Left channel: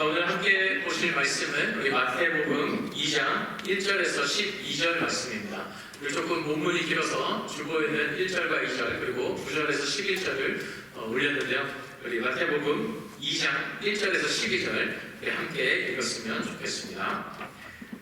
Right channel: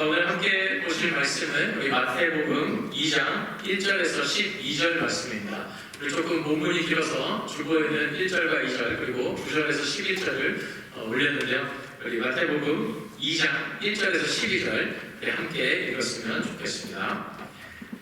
오늘 함께 보실 말씀은 우리 마태복음 2장 1절에서 12절 말씀입니다. 우리 조금 본문이 길어서 주보에는 1절과 2절 그리고 9절에서 11절을 올렸는데요. 우리 마태복음 2장 1절에서 12절 함께 읽었으면 좋겠습니다.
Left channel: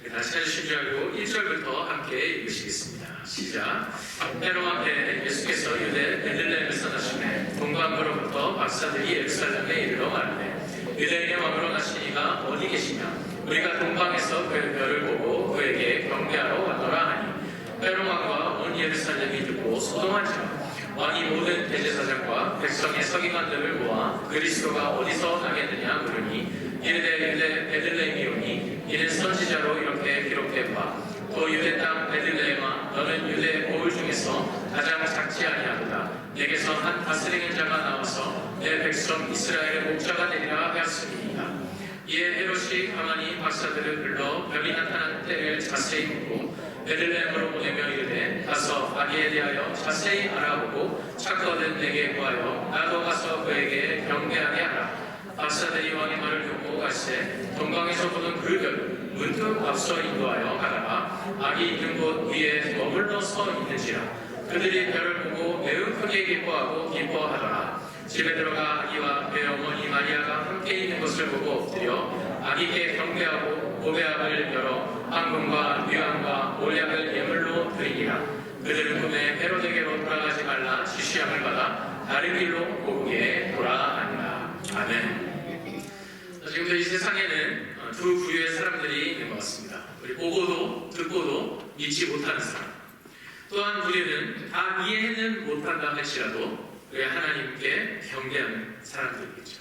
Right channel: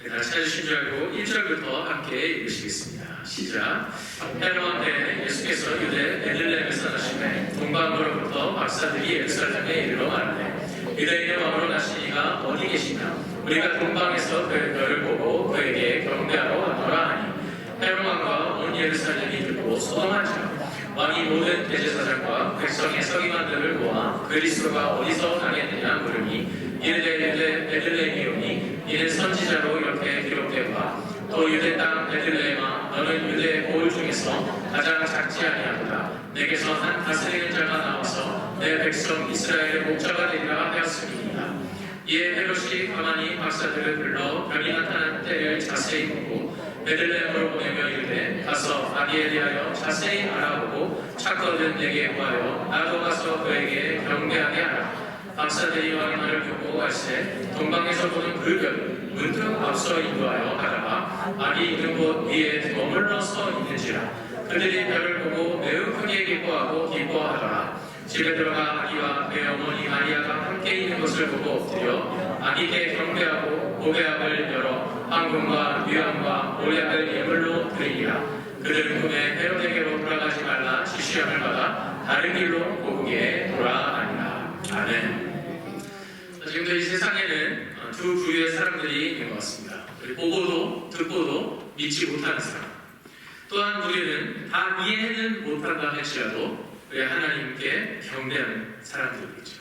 다시 찾으신 줄 알고 1절부터 함께 읽으시겠습니다. 시작. 헤롯 앞에 예수께서 유대 베들레헴에서 나시매 동방으로부터 박사들이 예루살렘에 이르러 말하되 유대인의 왕으로 나시니가 어디 계시냐? 우리가 동방에서 그의 별을 보고 그에게 경배하러 왔노라 하니 헤롯 왕과 온 예루살렘이 듣고 소동한지라. 왕이 모든 대제사장과 백성의 서기관들을 모아 그리스도가 어디서 나겠느냐 물으니 이르되 유대 베들레헴이오니 이는 선지자로 이렇게 기록되었다. 또 유대 땅 베들레헴아 너는 유대 고을 중에서 가장 작지 아니하도다. 내게서 한 다스리는 자가 나와서 내 백성 이스라엘의 목자가 되리라 하였음이니이다. 이에 헤롯이 가만히 박사들을 불러 병이 나타난 때를 자세히 보고 베들레헴으로 보내며 이르되 가서 아기에 대하여 자세히 알아보고 찾거든 내게 구하여 나도 가서 그에게 경배하게 하라. 박사들이 왕의 말을 듣고 갈새 동방에서 보는 그 별을 문득 앞서 인도하여 가다가 아기 있는 곳 위에 머물러 서 있는지라. 그들이 별을 보고 매우 크게 기뻐하고 기뻐하더라. 집에 들어가 아기와 그의 어머니 마리아가 함께 있는 것을 보고 엎드려 아기께 경배하고 고배합을 열어 황금과 유향과 몰약을 예물로 드리니라. 그들은 꿈에 헤롯에게로 돌아가지 말라 지시함을 받아 다른 길로 고국에 돌아가니라. 아멘. 지금도 이 세상에는 두 부류의 사람들이 있는 것 같습니다. 우리 보고도 듣고도 믿지 못하는 사람. 또한 우리는 다 이해는 못한다 할지라도 우리 하나님께 경배하는 사람들이겠죠.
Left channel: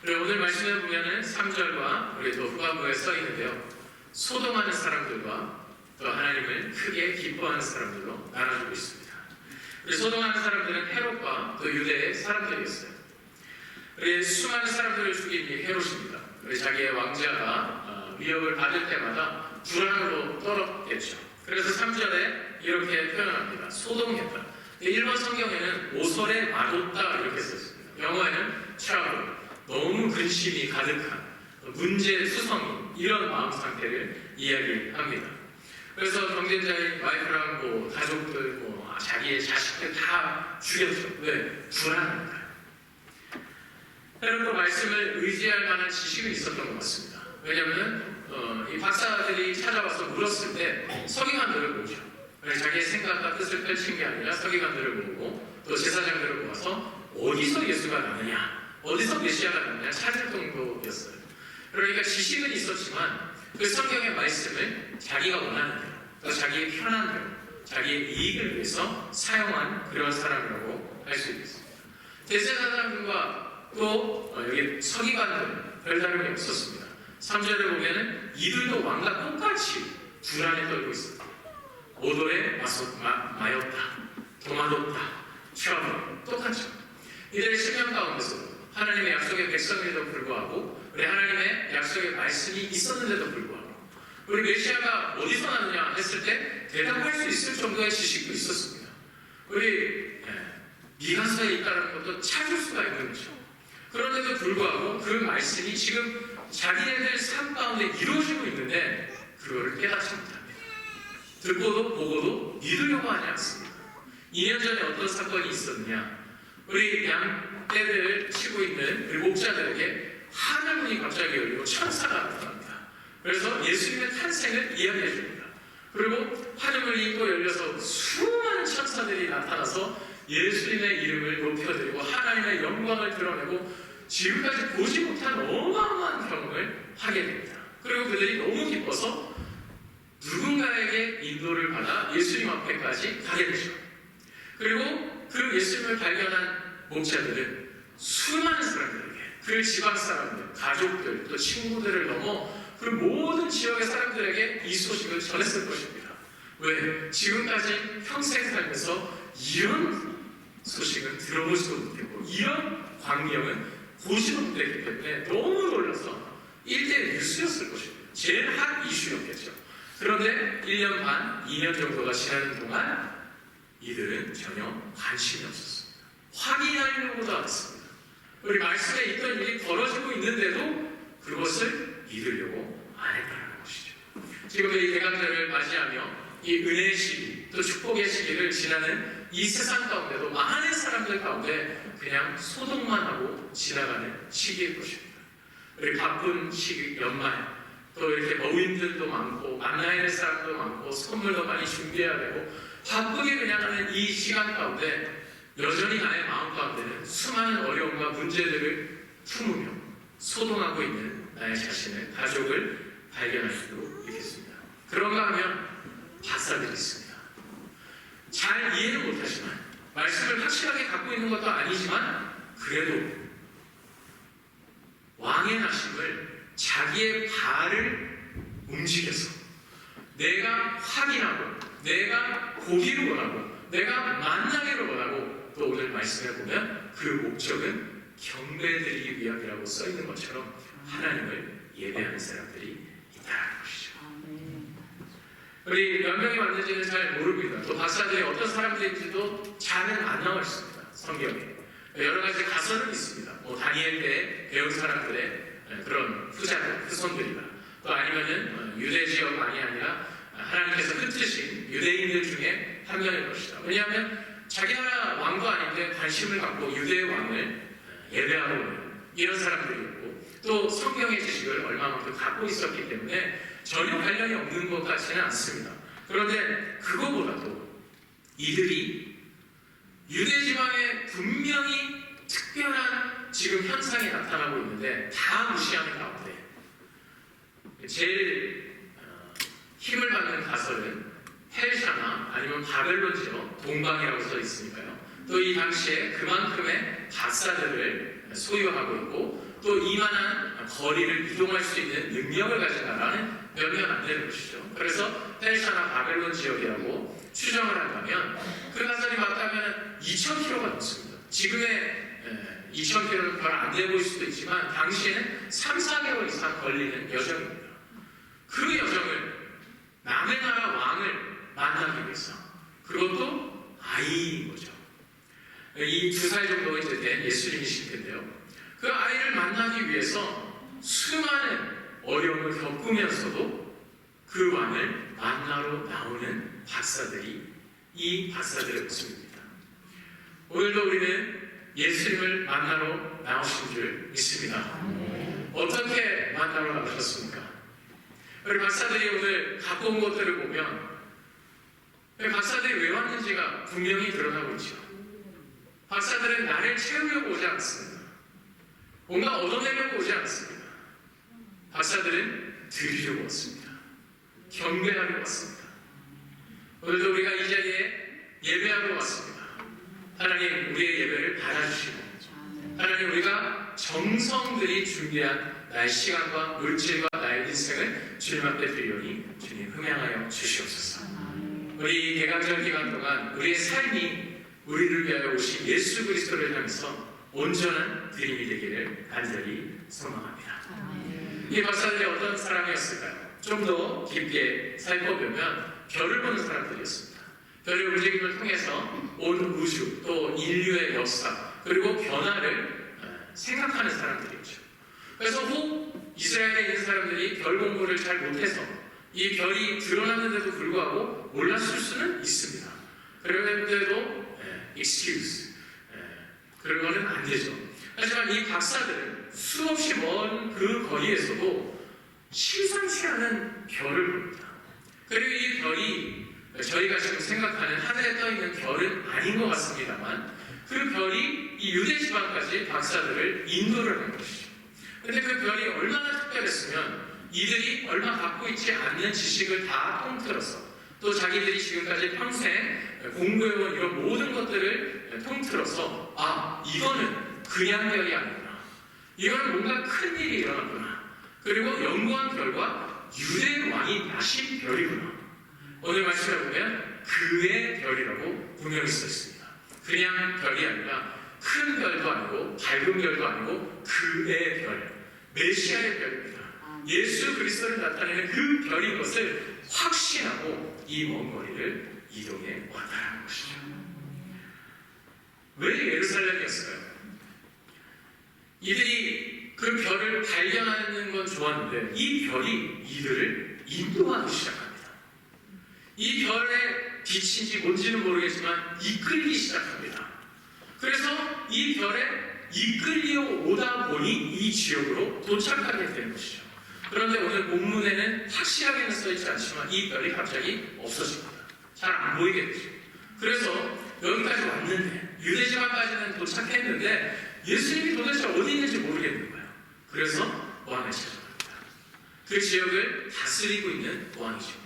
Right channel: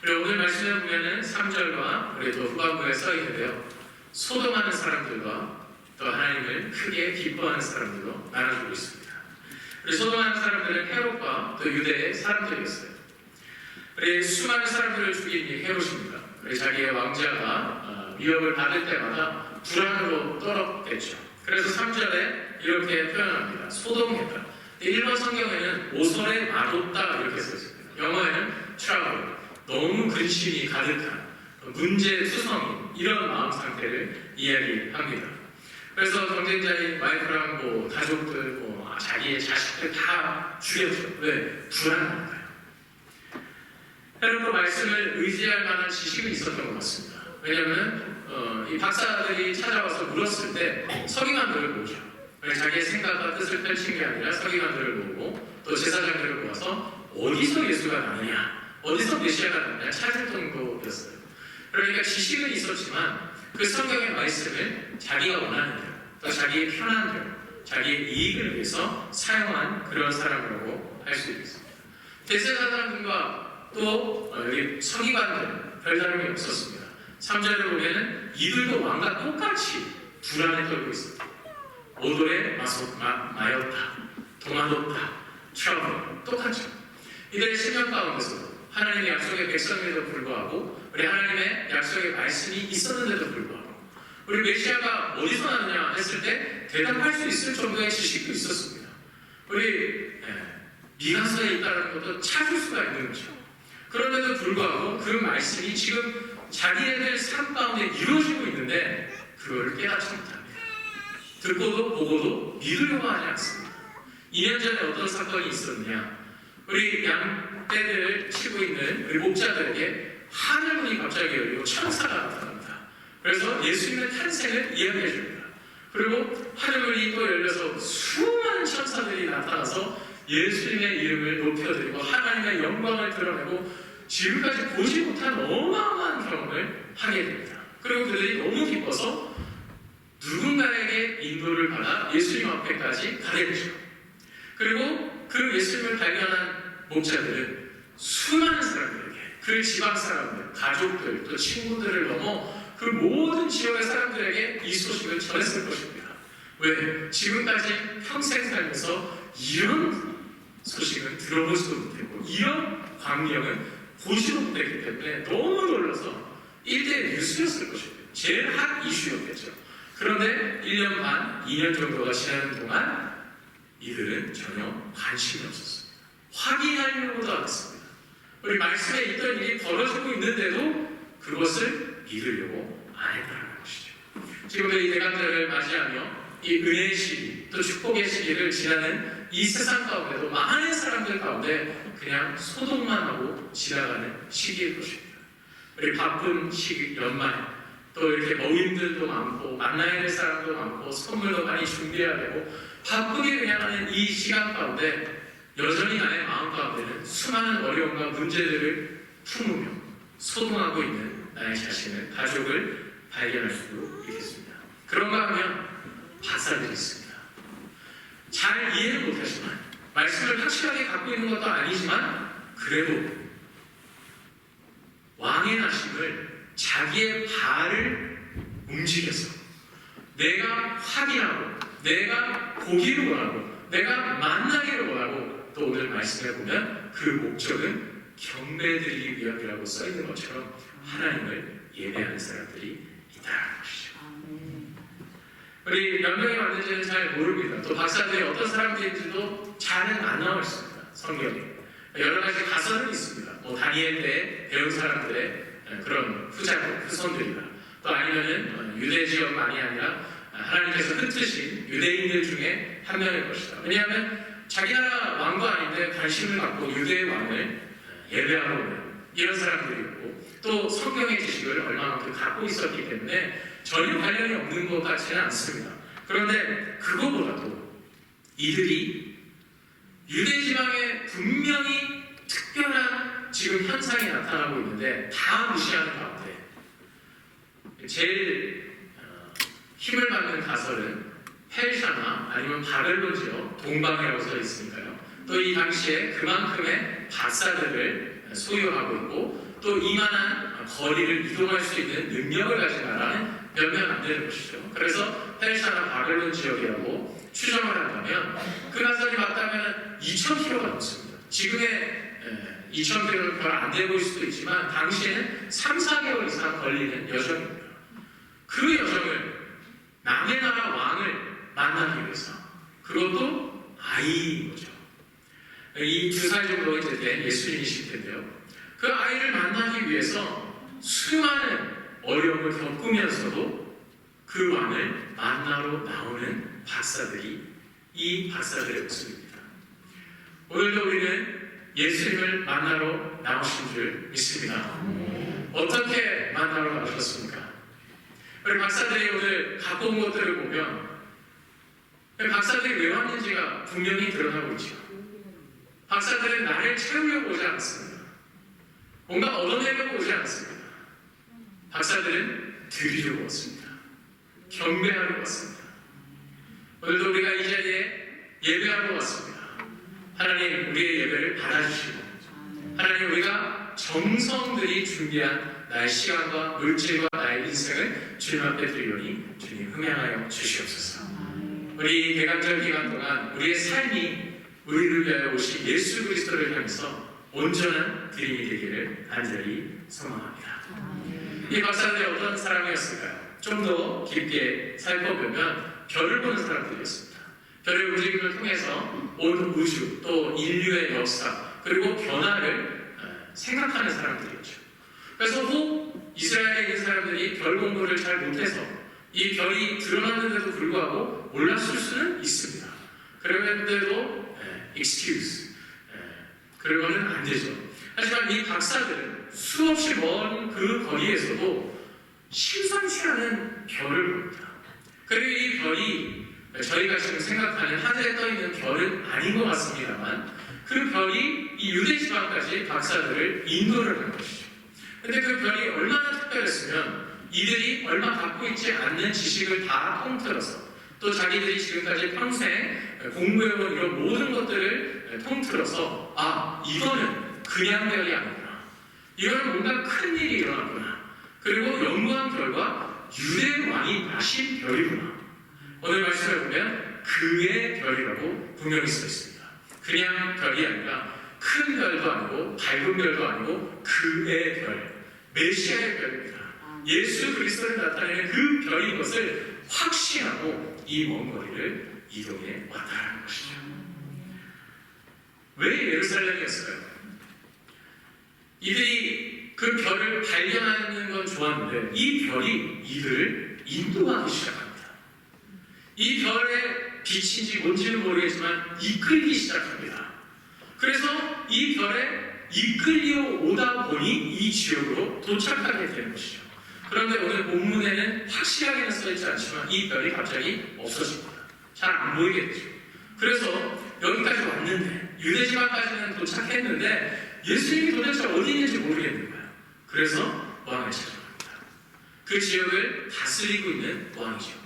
그리고 오늘 말씀에 보면은 3절과 우리 또 후반부에 써 있는데요. 소동하는 사람들과 또 하나님을 크게 기뻐하는 사람들로 나눠주고 있습니다. 우리 소동하는 사람들은 헤롯과 또 유대의 사람들이었어요. 우리 수많은 사람들을 죽인 이 헤롯입니다. 우리 자기의 왕자가 위협을 받을 때마다 불안으로 떨었겠죠. 그래서 3절에 이렇게 표현합니다. 소동했다. 일본 성경에는 오설에 맞았다 이렇게 써있습니다. 영어에는 trouble, 너무 근심이 가득한 문제투성인 이런 마음 상태를 이야기합니다. 그래서 경쟁자인 와이프랑 가족들, 자기의 자식들 다 죽였죠. 왜? 불안합니다. 헤롯도 말씀을 의지할 만한 지식은 있었던 것 같습니다. 왜냐하면 이 박사들이 찾아와서 물었을 때 서기관들을 모으죠. 자기의 생각과 뜻을 펼친 게 아니라 서기관들을 모으고 또 제사장들을 모아서 어디서 예수가 나느냐, 어디서 메시아가 나느냐 찾을 정도였어요. 그러니까 지식은 있었지만 그 성경의 말씀을 자기가 원하는 대로, 또 자기의 편한 대로, 자기의 이익을 위해서 사용한 그런 사람이라고 할 수 있겠습니다. 대제사장들과 또 여기 서기관들은 별다름이 없었습니다. 3절에 보면은 이들도 왕과 똑같이 불안에 떨고 있었다. 오돌에 마였다. 도마뒀다. 트러블. 똑같죠. 이들의 심령 가운데서 하나님의 약속의 백성에도 불구하고 우리 하나님의 약속의 말씀이 있었는데도 불구하고 우리 메시아가 어디서 나느냐 했을 때 대답할 수 있을 정도의 지식도 있었습니다. 우리 미가서에 있다는 것도 찾을 수가 있는 거죠. 그런데도 불구하고 그 말씀이 지금 자기네들 삶 가운데 이루어지고 있는데 그거를 깨닫지 못합니다. 듣고도 보고도 믿으려고 하지 않습니다. 2년 전에 어떤 사건이 있었느냐. 우리 양떼를 치고 있는 우리 목자들에게 하늘문이 갑자기 열리고 천사가 나타납니다. 그래서 예수님의 탄생을 이야기해 줍니다. 그리고 하늘문이 또 열려서 수많은 천사들이 나타나서 예수님의 이름을 높여드리고 하나님의 영광을 드러내고 지금까지 보지 못한 어마어마한 경험을 하게 됩니다. 그리고 그들이 너무 기뻐서 누군가에게 인도를 받아 예수님 앞에까지 가게 되죠. 그리고 그 예수님을 발견한 목자들은 수많은 사람들에게, 그 지방 사람들, 가족들, 또 친구들을 넘어 그 모든 지역의 사람들에게 이 소식을 전했을 것입니다. 왜? 지금까지 평생 살면서 이런 소식은 들어보지도 못했고 이런 광경은 보지도 못했기 때문에 너무 놀라서 1대 뉴스였을 것입니다. 제일 핫 이슈였겠죠. 그런데 1년 반, 2년 정도가 지나는 동안 이들은 전혀 관심이 없었습니다. 확인하려고도 안 했습니다. 우리 말씀에 있던 일이 벌어지고 있는데도 그것을 믿으려고 안 했다는 것이죠. 지금도 이 대강절을 맞이하며 이 은혜의 시기, 또 축복의 시기를 지나는 이 세상 가운데도 많은 사람들 가운데 그냥 소동만 하고 지나가는 시기일 것입니다. 우리 바쁜 시기, 연말, 또 이렇게 모임들도 많고 만나야 될 사람도 많고 선물도 많이 준비해야 되고 바쁘게 그냥 하는 이 시간 가운데 여전히 나의 마음 가운데는 수많은 어려움과 문제들을 품으며 소동하고 있는 나의 자신을, 가족을 발견할 수도 있겠습니다. 그런가 하면 박사들이 있습니다. 잘 이해는 못하지만 말씀을 확실하게 갖고 있는 것도 아니지만 그래도 왕의 나심을 자기의 발을 움직여서 내가 확인하고 내가 보기를 원하고 내가 만나기를 원하고 또 오늘 말씀을 보면 그 목적은 경배드리기 위함이라고 써있는 것처럼 하나님을 예배하는 사람들이 있다는 것이죠. 우리 몇 명이 왔는지는 잘 모릅니다. 또 박사들이 어떤 사람들인지도 잘은 안 나와 있습니다. 성경에 여러 가지 가설은 있습니다. 뭐 다니엘 때 배운 사람들의 그런 후손들이다. 또 아니면은 유대 지역만이 아니라 하나님께서 흩으신 유대인들 중에 한 명일 것이다. 왜냐하면 자기 나라 왕도 아닌데 관심을 갖고 유대의 왕을 예배하러 오는 이런 사람들이었고 또 성경의 지식을 얼마만큼 갖고 있었기 때문에 전혀 관련이 없는 것 같지는 않습니다. 그런데 그거보다도 이들이 유대 지방에 분명히 특별한 지금 현상이 나타나고 있는데 다 무시하는 가운데 제일 힘을 받는 가설은 펠샤나 아니면 바벨론 지역 동방이라고 써 있으니까요. 또 이 당시에 그만큼의 박사들을 소유하고 있고 또 이만한 거리를 이동할 수 있는 능력을 가진 나라는 몇몇 안 되는 것이죠. 그래서 펠샤나 바벨론 지역이라고 추정을 한다면 그 가설이 맞다면 2,000km가 넘습니다. 지금의 2,000km는 별 안 돼 보일 수도 있지만 당시에는 3, 4개월 이상 걸리는 여정입니다. 그 여정을 남의 나라 왕을 만나기 위해서 그것도 아이인 거죠. 이 2살 정도 이제 된 예수님이실 텐데요. 그 아이를 만나기 위해서 수많은 어려움을 겪으면서도 그 왕을 만나러 나오는 박사들이 이 박사들의 모습입니다. 오늘도 우리는 예수님을 만나러 나오신 줄 믿습니다. 어떻게 만나러 나오셨습니까? 우리 박사들이 오늘 갖고 온 것들을 보면 박사들이 왜 왔는지가 분명히 드러나고 있죠. 박사들은 나를 채우려고 오지 않습니다. 뭔가 얻어내려고 오지 않습니다. 박사들은 드리려고 왔습니다. 경배하러 왔습니다. 오늘도 우리가 이 자리에 예배하러 왔습니다. 하나님 우리의 예배를 받아주시고 하나님 우리가 정성들이 준비한 나의 시간과 물질과 나의 인생을 주님 앞에 드리오니 주님 흥양하여 주시옵소서. 우리 개강절 기간 동안 우리의 삶이 우리를 위하여 오신 예수 그리스도를 향해서 온전한 드림이 되기를 간절히 소망합니다. 이 박사들이 어떤 사람이었을까요? 좀 더 깊게 살펴보면 별을 보는 사람들이었습니다. 별의 움직임을 통해서 온 우주 또 인류의 역사 그리고 변화를 생각하는 사람들이었죠. 그래서 혹 이스라엘에 있는 사람들이 별 공부를 잘 못해서 이 별이 드러났는데도 불구하고 몰랐을 수는 있습니다. 그런데도 excuse 그러고는 안 되죠. 하지만 이 박사들은 수없이 먼 그 거리에서도 심상치 않은 별을 봅니다. 그리고 이 별이 저희가 지금 생각하는 하늘에 떠 있는 별은 아닌 것 같습니다만 그 별이 이 유대 지방까지 박사들을 인도를 한 것이죠. 근데 그 별이 얼마나 특별했으면 이들이 얼마 갖고 있지 않는 지식을 다 통틀어서 또 자기들이 지금까지 평생 공부해온 이런 모든 것들을 통틀어서 이거는 그냥 별이 아니구나. 이거는 뭔가 큰 일이 일어났구나. 그리고 연구한 결과 유대 왕이 나신 별이구나. 오늘 말씀을 보면 그의 별이라고 분명히 써 있습니다. 그냥 별이 아니라 큰 별도 아니고 밝은 별도 아니고 그의 별, 메시아의 별입니다. 예수 그리스도를 나타내는 그 별인 것을 확신하고 이 먼 거리를 이동해 왔다는 것이죠. 왜 예루살렘이었을까요? 이들이 그 별을 발견하는 보았는데 이 별이 이들을 인도하기 시작합니다. 이 별의 빛인지 뭔지는 모르겠지만 이끌기 시작합니다. 그래서 이 별에 이끌려 오다 보니 이 지역으로 도착하게 되는 것이죠. 그런데 오늘 본문에는 확실하게는 써있지 않지만 이 별이 갑자기 없어집니다. 잘 안 보이게 되죠. 그래서 여기까지 왔는데 유대지방까지는 도착했는데 예수님이 도대체 어디 있는지 모르겠는 거예요. 그래서 왕을 찾아갑니다. 그 지역을 다스리고 있는 왕이죠.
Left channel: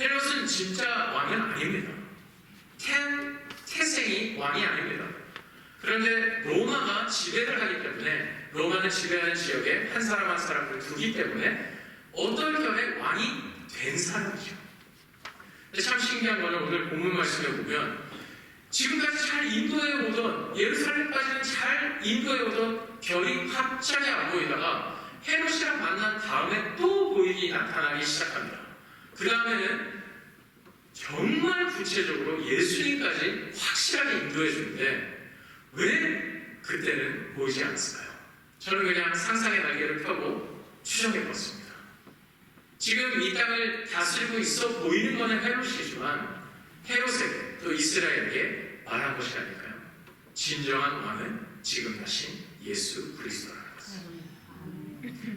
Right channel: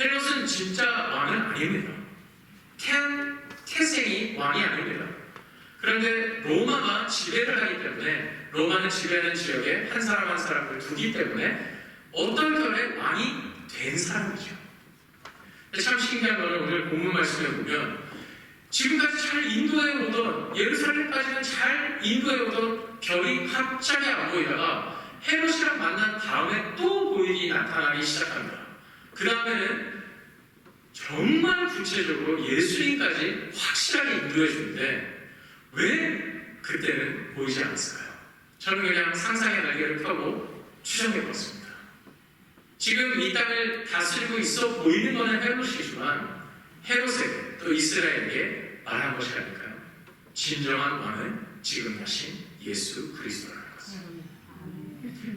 헤롯은 진짜 왕은 아닙니다. 태생이 왕이 아닙니다. 그런데 로마가 지배를 하기 때문에 로마는 지배하는 지역에 한 사람 한 사람을 두기 때문에 어떤 결에 왕이 된 사람이죠. 참 신기한 거는 오늘 본문 말씀에 보면 지금까지 잘 인도해 오던 예루살렘까지는 잘 인도해 오던 별이 갑자기 안 보이다가 헤롯이랑 만난 다음에 또 보이기 나타나기 시작합니다. 그 다음에는 정말 구체적으로 예수님까지 확실하게 인도해 주는데 왜 그때는 보이지 않았을까요? 저는 그냥 상상의 날개를 펴고 추정해 봤습니다. 지금 이 땅을 다스리고 있어 보이는 것은 헤롯이지만 헤롯에게 또 이스라엘에게 말한 것이 아닐까요? 진정한 왕은 지금 하신 예수 그리스도라는 것입니다.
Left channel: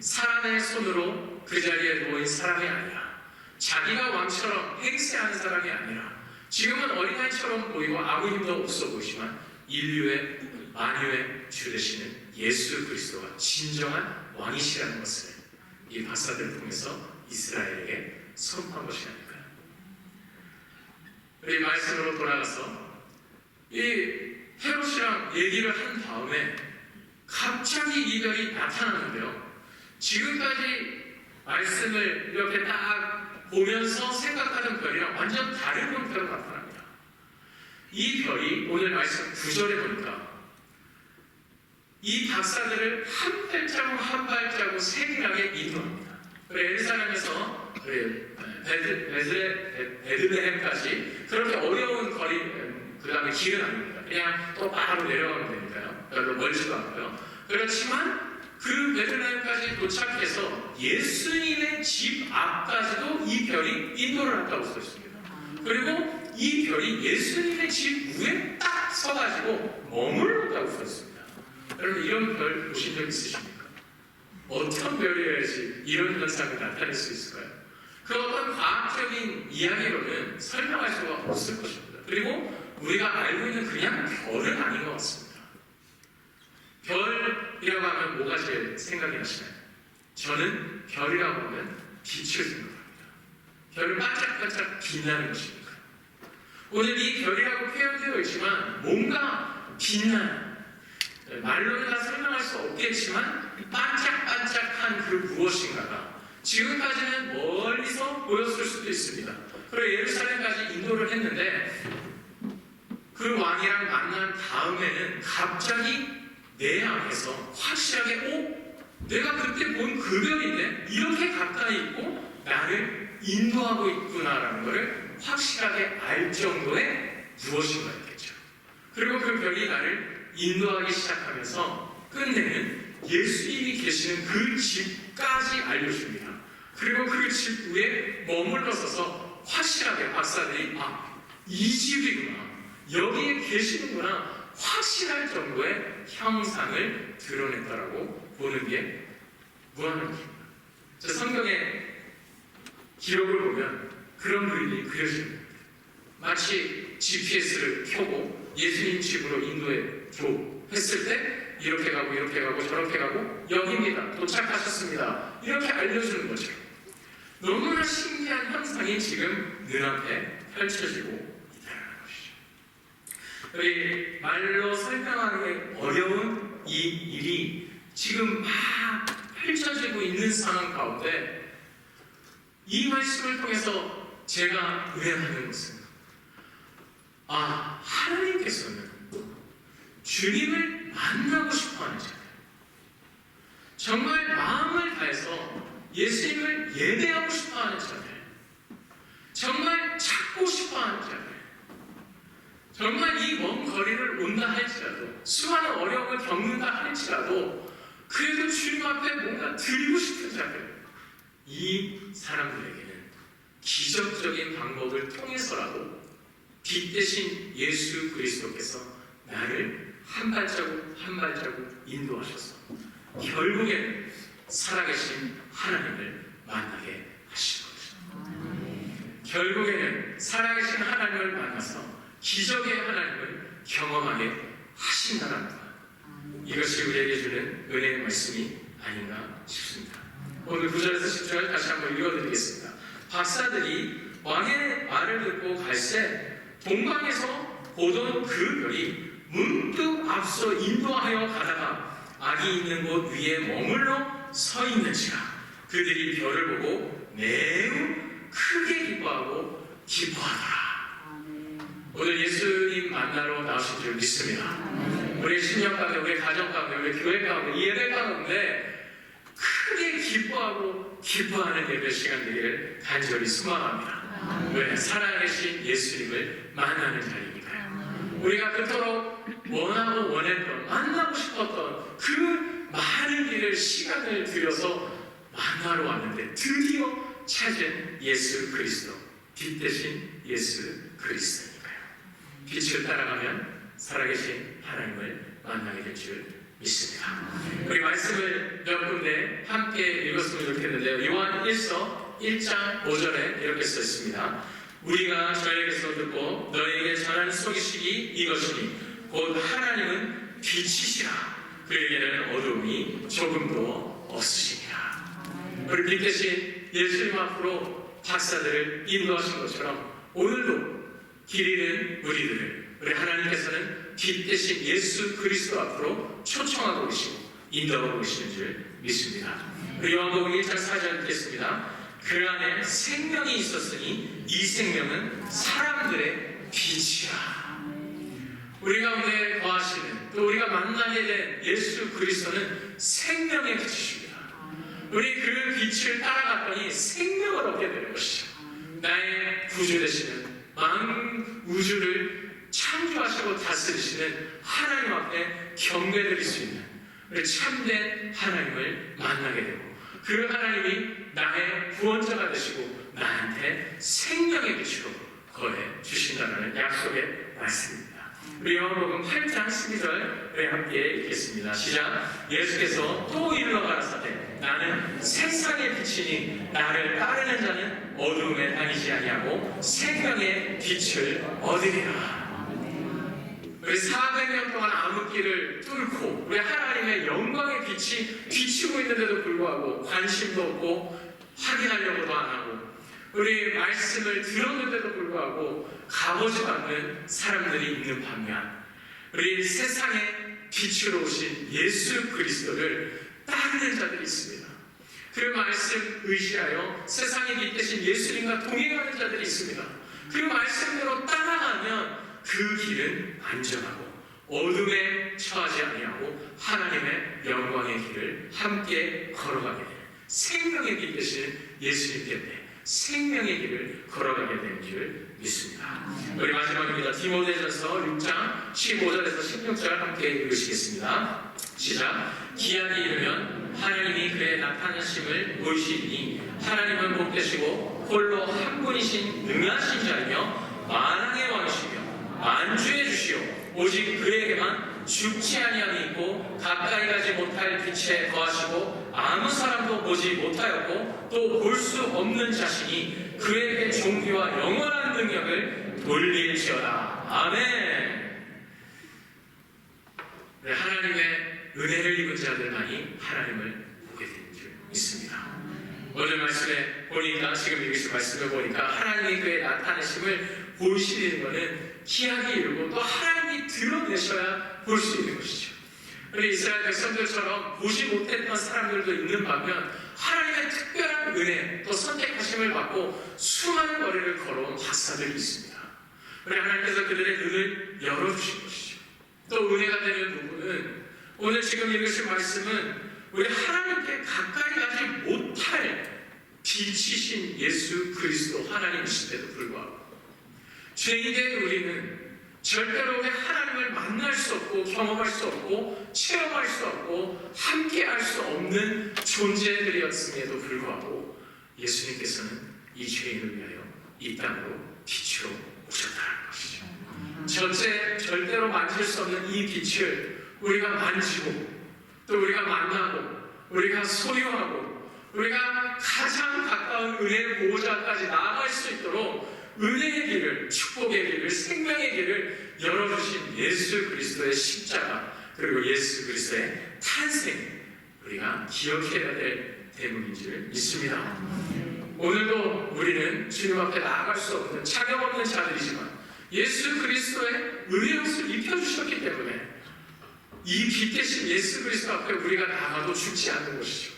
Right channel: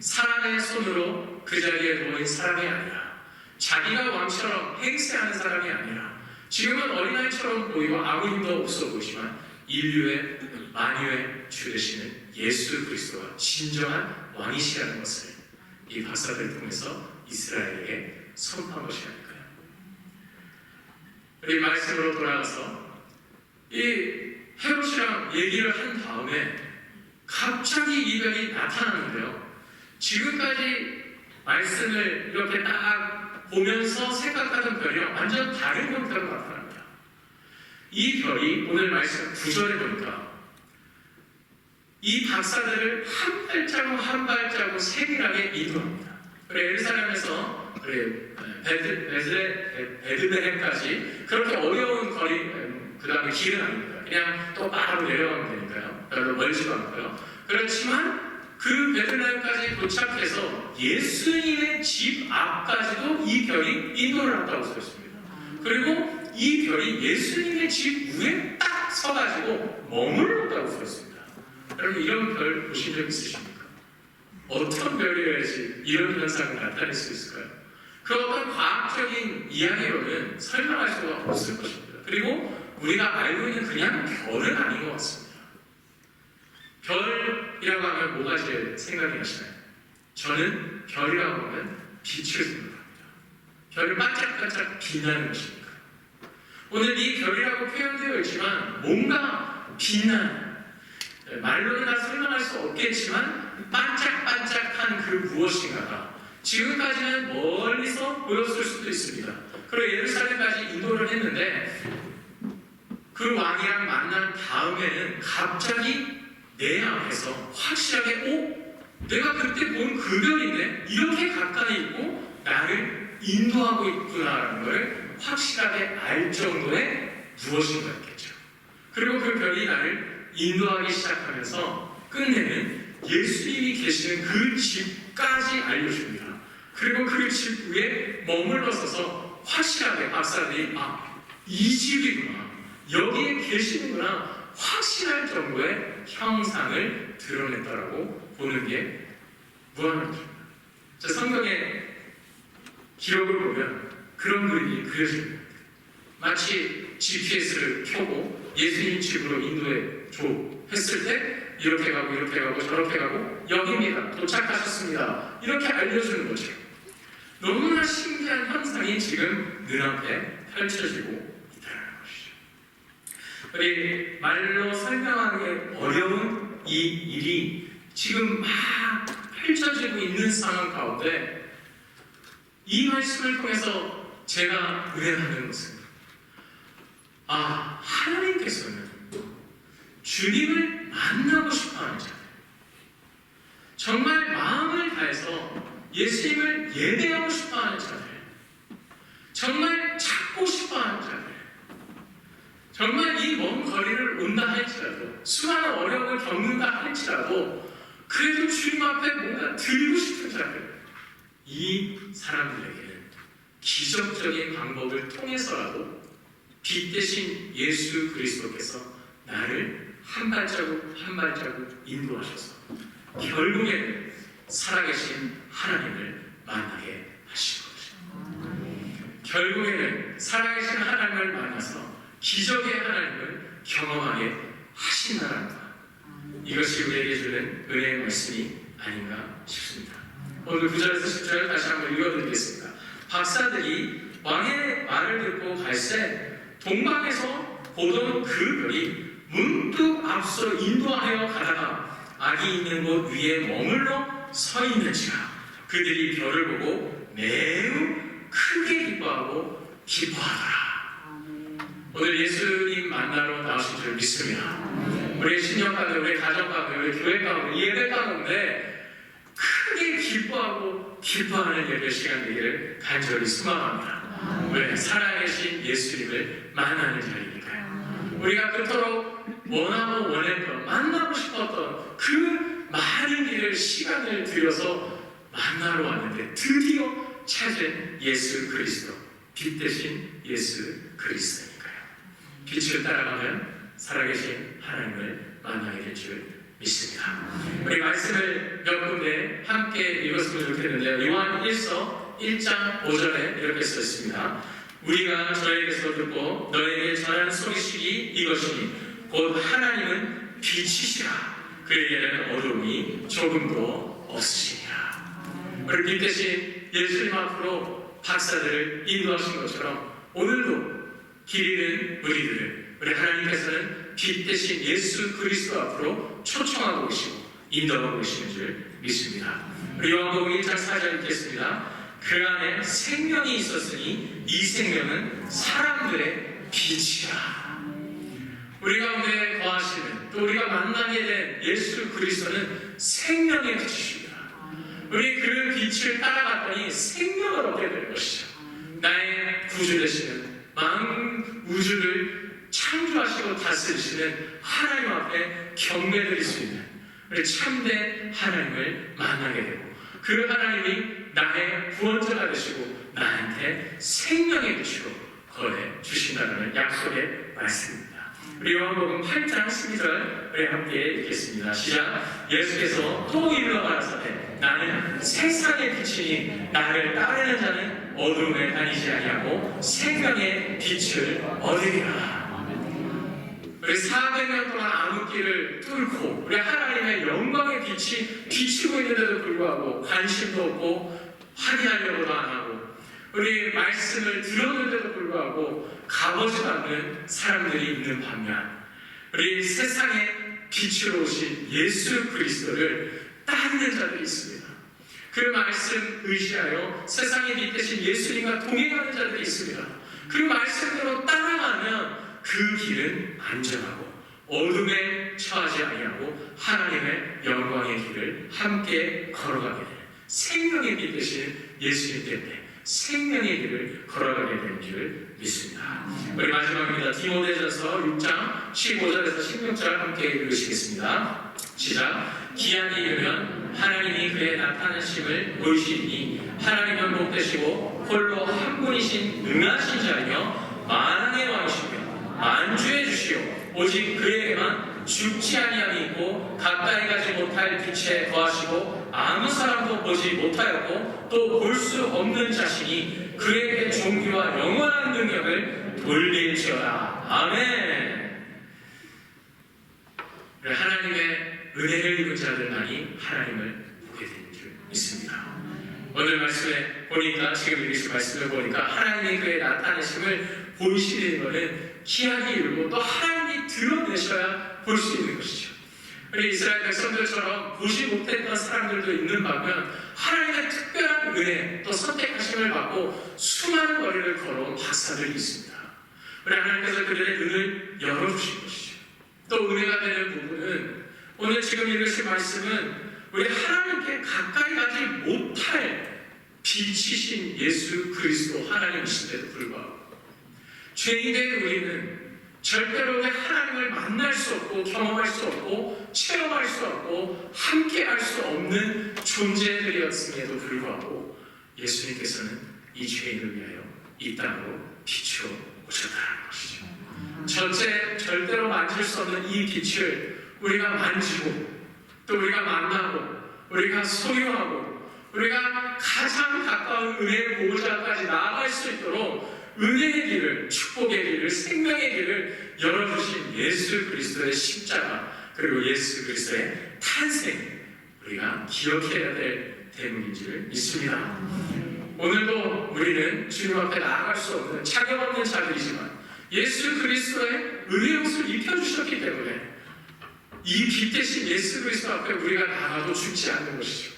사람의 손으로 그 자리에 놓인 사람이 아니라 자기가 왕처럼 행세하는 사람이 아니라 지금은 어린아이처럼 보이고 아무 힘도 없어 보이지만 인류의 만유의 주 되시는 예수 그리스도가 진정한 왕이시라는 것을 이 박사들을 통해서 이스라엘에게 선포한 것이 아닐까요? 우리 말씀으로 돌아가서 이 헤롯이랑 얘기를 한 다음에 갑자기 이 별이 나타나는데요. 지금까지 말씀을 이렇게 딱 보면서 생각하던 별이랑 완전 다른 형태로 나타납니다. 이 별이 오늘 말씀 9절에 보니까 이 박사들을 한 발자국 한 발자국 세밀하게 인도합니다. 예루살렘에서 베드레헴까지 그렇게 어려운 거리, 그 다음에 길은 아닙니다. 그냥 또 바로 내려가면 되니까요. 별로 멀지도 않고요. 그렇지만 그 베들레헴까지 도착해서 예수님의 집 앞까지도 이 별이 인도를 한다고 써 있습니다. 그리고 이 별이 예수님의 집 위에 딱 서가지고 머물렀다고 써 있습니다. 여러분 이런 별 보신 적 있으십니까? 어떤 별이어야지 이런 현상을 나타낼 수 있을까요? 그 어떤 과학적인 이야기로는 설명할 수가 없을 것입니다. 그리고 우리가 알고 있는 그냥 별은 아닌 것 같습니다. 별이라고 하면 뭐가 제일 생각이 나시나요? 저는 별이라고 하면 빛을 생각합니다. 별이 반짝반짝 빛나는 것입니다. 오늘 이 별이라고 표현되어 있지만 뭔가 빛나는, 말로는 다 설명할 수 없겠지만 반짝반짝한 그 무엇인가가 지금까지는 멀리서 보였을 수도 있습니다. 그리고 예루살렘까지 인도를 했는데 그 왕이랑 만난 다음에는 갑자기 내 앞에서 확실하게 내가 그때 본 그 별인데 이렇게 가까이 있고 나를 인도하고 있구나라는 걸 확실하게 알 정도의 무엇인가 있겠죠. 그리고 그 별이 나를 인도하기 시작하면서 끝내는 예수님이 계시는 그 집까지 알려줍니다. 그리고 그 집 위에 머물러 서서 확실하게 박사들이 이 집이구나, 여기에 계시는구나 확실할 정도의 형상을 드러냈다라고 보는 게 무한합니다. 성경의 기록을 보면 그런 그림이 그려집니다. 마치 GPS를 켜고 예수님 집으로 인도해 줘 했을 때 이렇게 가고 이렇게 가고 저렇게 가고 여기입니다, 도착하셨습니다, 이렇게 알려주는 거죠. 너무나 신기한 현상이 지금 눈앞에 펼쳐지고 있다는 것이죠. 우리 말로 설명하기 어려운 이 일이 지금 막 펼쳐지고 있는 상황 가운데 이 말씀을 통해서 제가 의뢰하는 것은 하나님께서는 주님을 만나고 싶어하는 자들, 정말 마음을 다해서 예수님을 예배하고 싶어하는 자들, 정말 찾고 싶어하는 자들, 정말 이 먼 거리를 온다 할지라도 수많은 어려움을 겪는다 할지라도 그래도 주님 앞에 뭔가 드리고 싶은 자들, 이 사람들에게는 기적적인 방법을 통해서라도 빛 대신 예수 그리스도께서 나를 한 발자국 한 발자국 인도하셔서 결국에는 살아계신 하나님을 만나게 하신 것입니다. 결국에는 살아계신 하나님을 만나서 기적의 하나님을 경험하게 하신다는 것, 이것이 우리에게 주는 은혜의 말씀이 아닌가 싶습니다. 오늘 9절에서 10절 다시 한번 읽어드리겠습니다. 박사들이 왕의 말을 듣고 갈새 동방에서 보던 그 별이 문득 앞서 인도하여 가다가 악이 있는 곳 위에 머물러 서 있는지라 그들이 별을 보고 매우 크게 기뻐하고 기뻐하더라. 오늘 예수님 만나러 나오신 줄 믿습니다. 우리 신령 가운데, 우리 가정 가운데, 우리 교회 가운데, 예배 가운데 크게 기뻐하고 기뻐하는 예배 시간 되기를 간절히 소망합니다. 왜? 살아계신 예수님을 만나는 자리니까요. 우리가 그토록 원하고 원했던, 만나고 싶었던 그 많은 길을 시간을 들여서 만나러 왔는데 드디어 찾은 예수 그리스도, 빛 대신 예수 그리스도니까요. 빛을 따라가면 살아계신 하나님을 만나게 될 줄 믿습니다. 우리 말씀을 몇 군데 함께 읽었으면 좋겠는데요. 요한 1서 1장 5절에 이렇게 써 있습니다. 우리가 저에게서 듣고 너에게 전하는 소식이 이것이니 곧 하나님은 빛이시라. 그에게는 어둠이 조금도 없으시니라. 우리 빛 대신 예수님 앞으로 박사들을 인도하신 것처럼 오늘도 길 잃은 우리들을 우리 하나님께서는 빛 대신 예수 그리스도 앞으로 초청하고 계시고 인도하고 계시는 줄 믿습니다. 우리 요한복음 1장 4절 읽겠습니다. 그 안에 생명이 있었으니 이 생명은 사람들의 빛이라. 우리 가운데 거하시는, 또 우리가 만나게 된 예수 그리스도는 생명의 빛이십니다. 우리 그 빛을 따라갔더니 생명을 얻게 되는 것이죠. 나의 구주 되시는 만 우주를 창조하시고 다스리시는 하나님 앞에 경배드릴 수 있는 우리 참된 하나님을 만나게 되고, 그 하나님이 나의 구원자가 되시고 나한테 생명의 빛으로 거해 주신다는 약속의 말씀입니다. 우리 요한복음 8장 12절 우리 함께 읽겠습니다. 시작. 예수께서 또 이르러 가라사대 나는 세상의 빛이니 나를 따르는 자는 어둠에 다니지 아니하고 생명의 빛을 얻으리라. 우리 400년 동안 암흑기를 뚫고 우리 하나님의 영광의 빛이 비치고 있는데도 불구하고 관심도 없고 확인하려고도 안 하고, 우리 말씀을 들었는데도 불구하고 가보지도 않는 사람들이 있는 반면, 우리 세상에 빛으로 오신 예수 그리스도를 따르는 자들이 있습니다. 그 말씀 의지하여 세상에 빛 대신 예수님과 동행하는 자들이 있습니다. 그 말씀대로 따라가면 그 길은 안전하고 어둠에 처하지 아니하고 하나님의 영광의 길을 함께 걸어가게 되는, 생명의 빛 대신 예수님 때문에 생명의 길을 걸어가게 되는 줄 믿습니다. 우리 마지막입니다. 디모데전서 6장 15절에서 16절 함께 읽으시겠습니다. 시작. 기한이 이르면 하나님이 그의 나타나심을 보이시니 하나님은 복되시고 홀로 한 분이신 능하신 자이며 만왕의 왕이시며 안주해 주시오. 오직 그에게만 죽지 아니함이 있고 가까이 가지 못할 빛에 거하시고 아무 사람도 보지 못하였고 또 볼 수 없는 자신이 그에게 존귀와 영원한 능력을 돌릴지어다. 아멘. 하나님의 은혜를 입은 자들만이 하나님을 보게 되는 줄 믿습니다. 오늘 말씀에 보니까, 지금 읽으신 말씀을 보니까 하나님의 그의 나타내심을 보이시는 것은 기약이 이르고 또 하나님이 드러내셔야 볼 수 있는 것이죠. 우리 이스라엘 백성들처럼 보지 못했던 사람들도 있는 반면 하나님의 특별한 은혜 또 선택하심을 받고 수많은 거리를 걸어온 박사들이 있습니다. 우리 하나님께서 그들의 눈을 열어주신 것이죠. 또 은혜가 되는 부분은 오늘 지금 읽으신 말씀은 우리 하나님께 가까이 가지 못할 빛이신 예수 그리스도 하나님이신데도 불구하고 죄인된 우리는 절대로 하나님을 만날 수 없고 경험할 수 없고 체험할 수 없고 함께할 수 없는 존재들이었음에도 불구하고 예수님께서는 이 죄인을 위하여 이 땅으로 빛으로 오셨다는 것이죠. 첫째, 절대로 만질 수 없는 이 빛을 우리가 만지고 또 우리가 만나고 우리가 소유하고 우리가 가장 가까운 은혜의 보호자까지 나아갈 수 있도록 은혜의 길을, 축복의 길을, 생명의 길을 열어주신 예수 그리스도의 십자가 그리고 예수 그리스도의 탄생, 우리가 기억해야 될 대목인 줄 믿습니다. 오늘도 우리는 주님 앞에 나아갈 수 없는 자격 없는 자들이지만 예수 그리스도의 은혜의 옷을 입혀주셨기 때문에 이 빛 대신 예수 그리스도 앞에 우리가 나가도 죽지 않는 것이죠.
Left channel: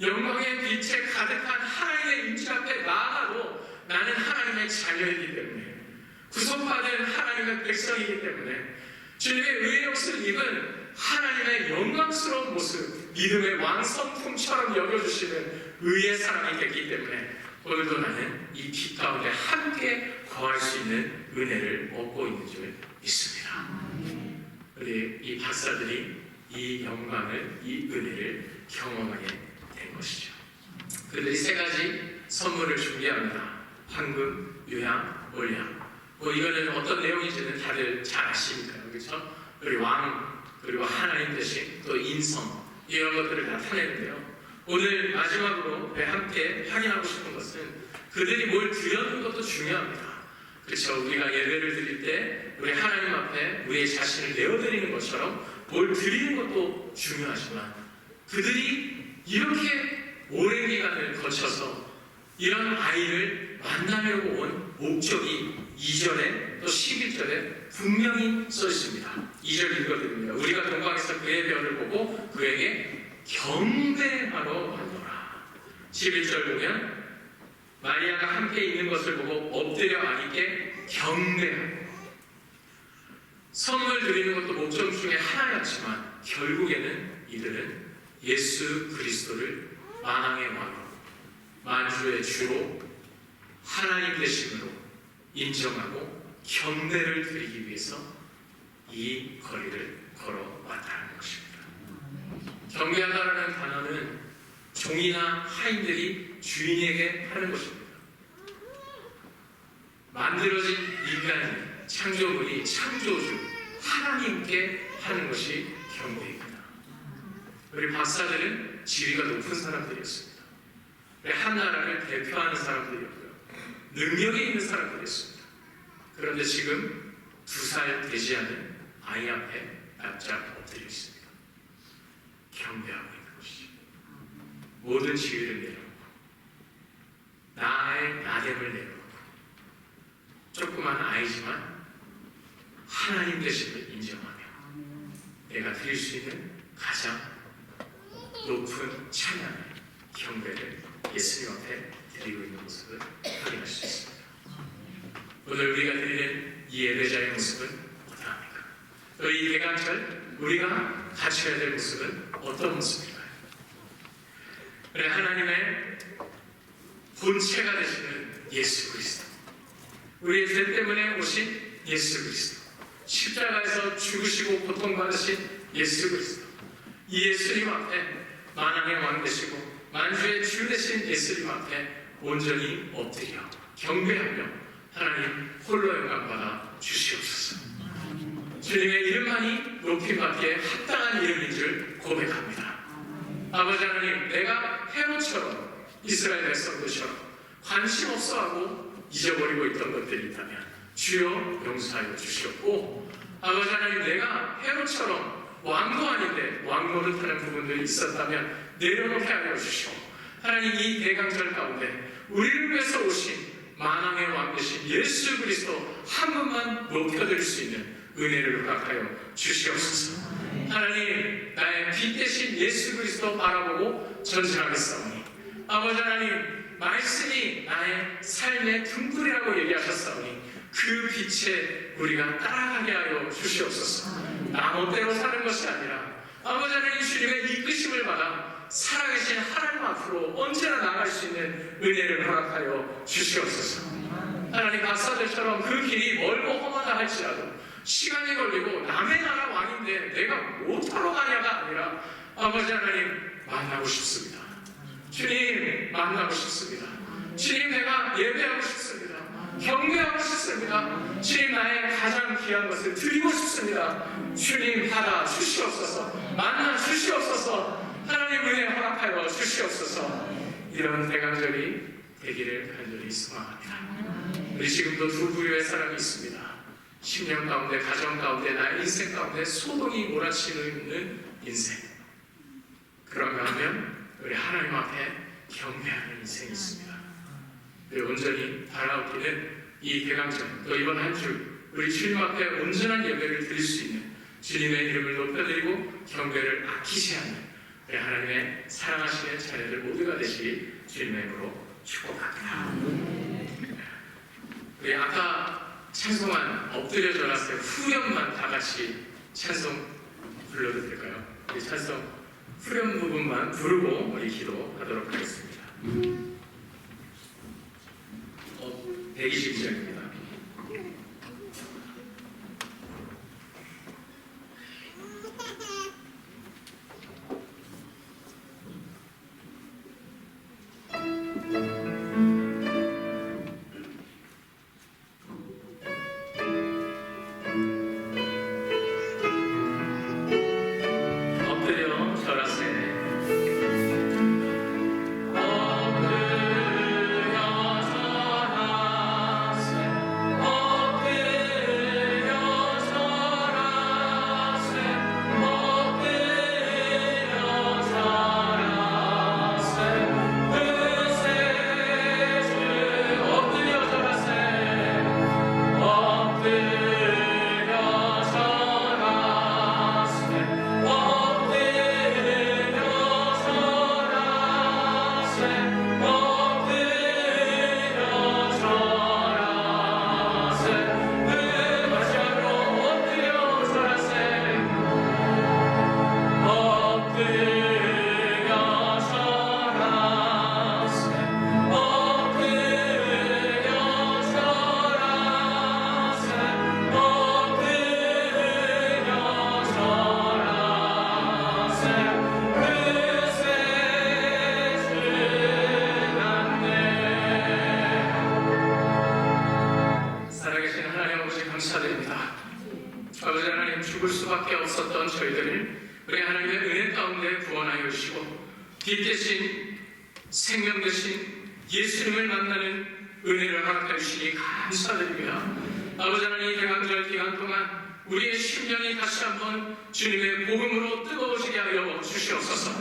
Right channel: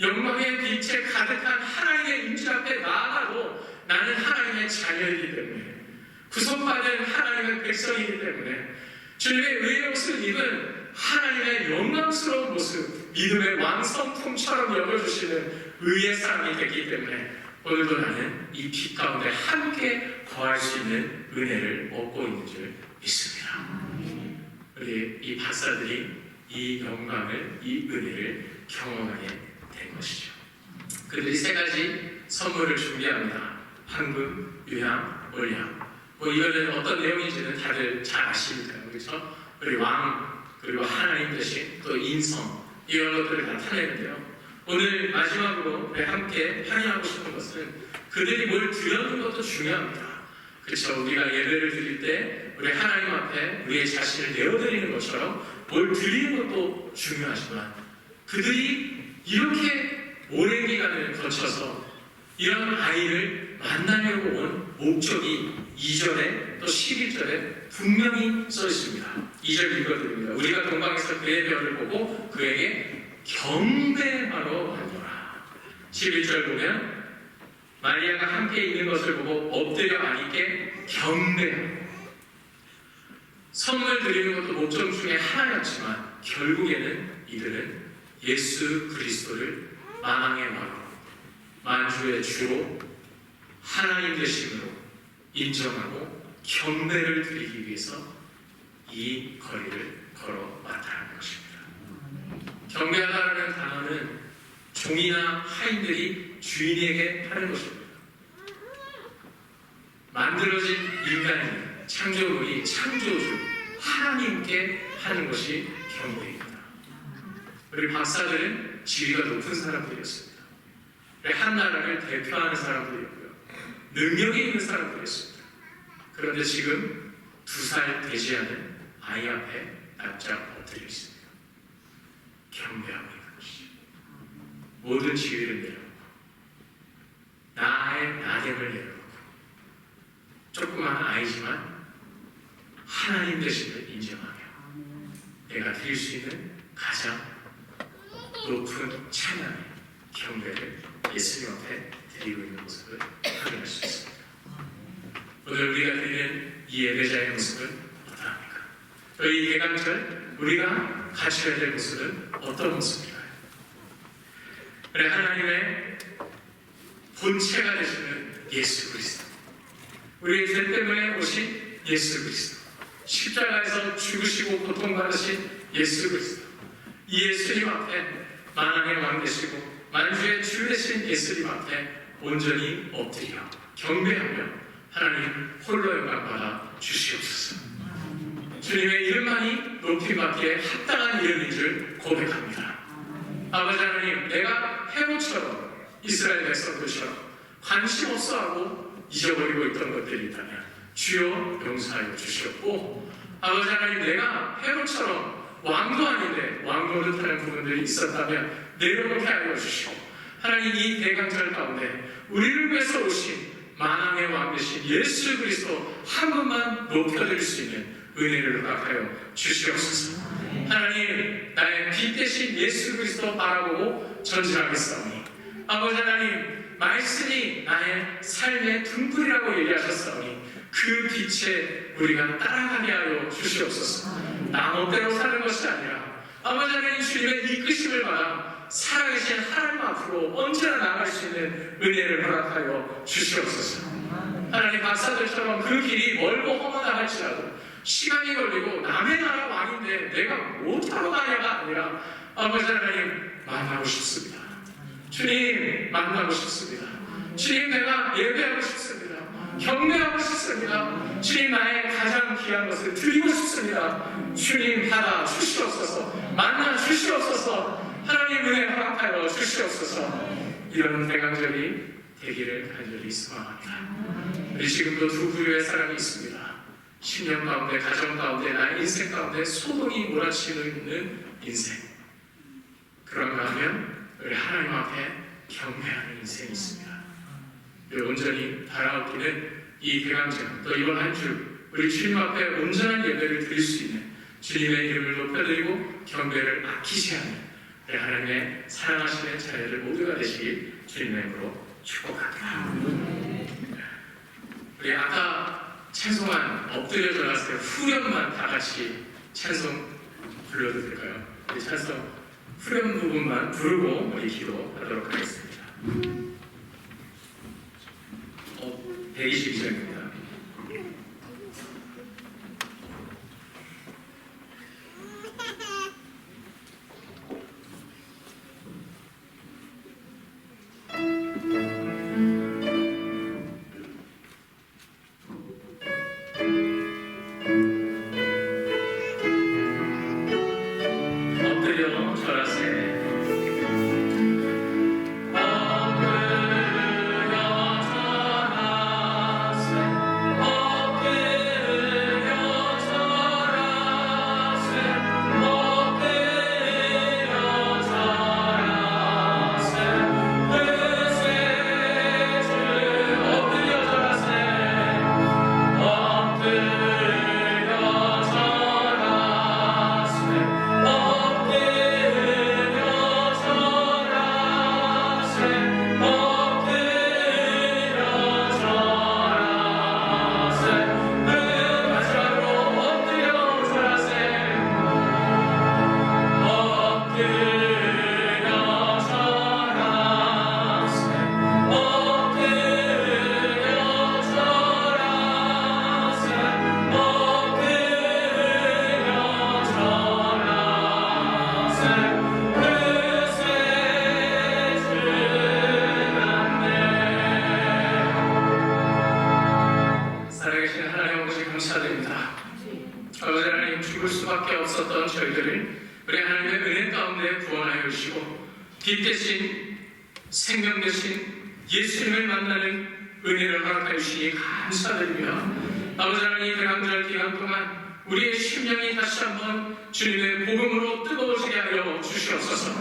영광의 빛에 가득한 하나님의 임재 앞에 나아가도 나는 하나님의 자녀이기 때문에, 구속받은 하나님의 백성이기 때문에 주님의 의의 옷을 입은 하나님의 영광스러운 모습, 믿음의 왕성품처럼 여겨주시는 의의 사람이 됐기 때문에 오늘도 나는 이 빛 가운데 함께 거할 수 있는 은혜를 얻고 있는 줄 믿습니다. 우리 이 박사들이 이 영광을, 이 은혜를 경험하게 된 것이죠. 그들이 세 가지 선물을 준비합니다. 황금, 유향, 몰향. 이거는 어떤 내용인지는 다들 잘 아시니까요. 그렇죠? 우리 왕, 그리고 하나님 대신 또 인성, 이런 것들을 나타내는데요. 오늘 마지막으로 함께 향유하고 싶은 것은 그들이 뭘 드렸는 것도 중요합니다. 그렇죠? 우리가 예배를 드릴 때 우리 하나님 앞에 우리의 자신을 내어드리는 것처럼 뭘 드리는 것도 중요하지만 그들이 이렇게 오랜 기간을 거쳐서 이런 아이를 만나려고 온 목적이 2절에 또 11절에 분명히 써 있습니다. 2절 읽어드립니다. 우리가 동방에서 그의 별을 보고 그에게 경배하러 왔노라. 11절 보면 마리아가 함께 있는 것을 보고 엎드려 아기께 경배하고, 선물 드리는 것도 목적 중에 하나였지만 결국에는 이들은 예수 그리스도를 만왕의 왕으로, 만주의 주로, 하나님 되심으로 인정하고 경배를 드리기 위해서 이 거리를 걸어왔다는 것입니다. 경배하다라는 단어는 종이나 하인들이 주인에게 하는 것입니다. 만들어진 인간이, 창조물이 창조주 하나님께 하는 것이 경배입니다. 우리 박사들은 지위가 높은 사람들이었습니다. 한 나라를 대표하는 사람들이었고요. 능력이 있는 사람들이었습니다. 그런데 지금 2살 되지 않은 아이 앞에 납작 엎드려 있습니다. 경배하고 있는 것이죠. 모든 지위를 내려놓고 나의 나됨을 내려놓고 조그만 아이지만 하나님 되심을 인정하며 내가 드릴 수 있는 가장 높은 찬양의 경배를 예수님 앞에 드리고 있는 모습을 확인할 수 있습니다. 오늘 우리가 드리는 이 예배자의 모습은 어떠합니까? 또 이 대강절 우리가 갖춰야 될 모습은 어떤 모습일까요? 그래, 하나님의 본체가 되시는 예수 그리스도, 우리의 죄 때문에 오신 예수 그리스도, 십자가에서 죽으시고 고통받으신 예수 그리스도, 이 예수님 앞에 만왕의 왕 되시고 만주의 주 되신 예수님 앞에 온전히 엎드려 경배하며 하나님 홀로 영광 받아 주시옵소서. 주님의 이름만이 높임받기에 합당한 이름인 줄 고백합니다. 아버지 하나님, 내가 헤롯처럼 이스라엘 백성들처럼 관심 없어하고 잊어버리고 있던 것들이 있다면 주여 용서하여 주시옵고, 아버지 하나님, 내가 헤롯처럼 왕도 아닌데 왕 노릇하는 부분들이 있었다면 내려놓게 하여 주시고, 하나님 이 대강절 가운데 우리를 위해서 오신 만왕의 왕 되신 예수 그리스도 한 분만 높여드릴 수 있는 은혜를 허락하여 주시옵소서. 하나님, 나의 빛 대신 예수 그리스도 바라보고 전진하겠사오니, 아버지 하나님, 말씀이 나의 삶의 등불이라고 얘기하셨사오니 그 빛에 우리가 따라가게 하여 주시옵소서. 나 멋대로 사는 것이 아니라 아버지 하나님 주님의 이끄심을 받아 살아계신 하나님 앞으로 언제나 나갈 수 있는 은혜를 허락하여 주시옵소서. 하나님 박사들처럼 그 길이 멀고 험하다 할지라도 시간이 걸리고 남의 나라 왕인데 내가 못하러 가냐가 아니라 아버지 하나님 만나고 싶습니다. 주님 만나고 싶습니다. 주님 내가 예배하고 싶습니다. 경배하고 싶습니다. 주님 나의 가장 귀한 것을 드리고 싶습니다. 주님 받아 주시옵소서. 만나 주시옵소서. 하나님 은혜 허락하여 주시옵소서. 이런 대강절이 되기를 간절히 소망합니다. 우리 지금도 두 부류의 사람이 있습니다. 10년 가운데, 가정 가운데, 나의 인생 가운데 소동이 몰아치고 있는 인생. 그런가 하면 우리 하나님 앞에 경배하는 인생이 있습니다. 우리 온전히 바라옵기는 이 대강절, 또 이번 한 주 우리 주님 앞에 온전한 예배를 드릴 수 있는 주님의 이름을 높여드리고 경배를 아끼지 않는 우리 하나님의 사랑하시는 자녀들 모두가 되시길 주님의 이름으로 축복합니다. 우리 아까 찬송한 엎드려 절하세 후렴만 다 같이 찬송 불러도 될까요? 우리 찬송 후렴 부분만 부르고 우리 기도하도록 하겠습니다. 122절입니다. 아버지 하나님, 죽을 수밖에 없었던 저희들을 우리 하나님의 은혜 가운데 구원하여 주시고 빛 대신 생명 대신 예수님을 만나는 은혜를 허락하여 주시니 감사드립니다. 아버지 하나님, 대강절 기간 동안 우리의 심령이 다시 한번 주님의 복음으로 뜨거워지게 하여 주시옵소서.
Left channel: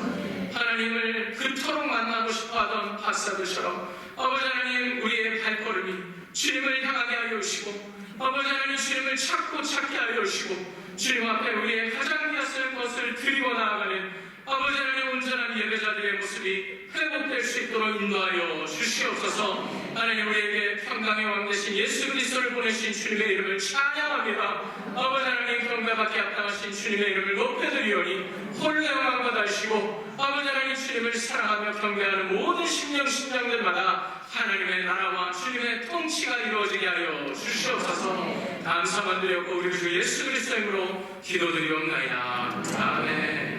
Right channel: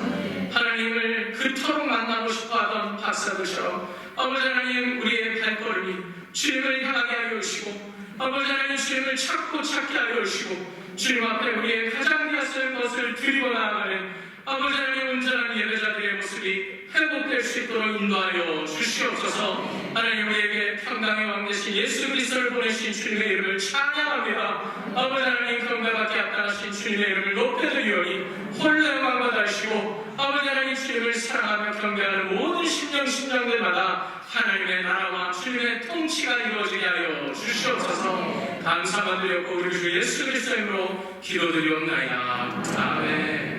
하나님을 그토록 만나고 싶어하던 박사들처럼 아버지 하나님, 우리의 발걸음이 주님을 향하게 하여 주시고 아버지 하나님, 주님을 찾고 찾게 하여 주시고 주님 앞에 우리의 가장 귀한 것을 드리고 나아가는 아버지 하나님, 온전한 예배자들의 모습이 회복될 수 있도록 인도하여 주시옵소서. 하나님, 우리에게 평강의 왕 되신 예수 그리스도를 보내신 주님의 이름을 찬양합니다. 아버지 하나님, 경배받게 합당하신 주님의 이름을 높여드리오니 홀로 영광 받으시고 아버지 하나님, 주님을 사랑하며 경배하는 모든 심령들마다 하나님의 나라와 주님의 통치가 이루어지게 하여 주시옵소서. 감사만 드렸고 우리 주 예수 그리스도의 이름으로 기도드리옵나이다. 아멘.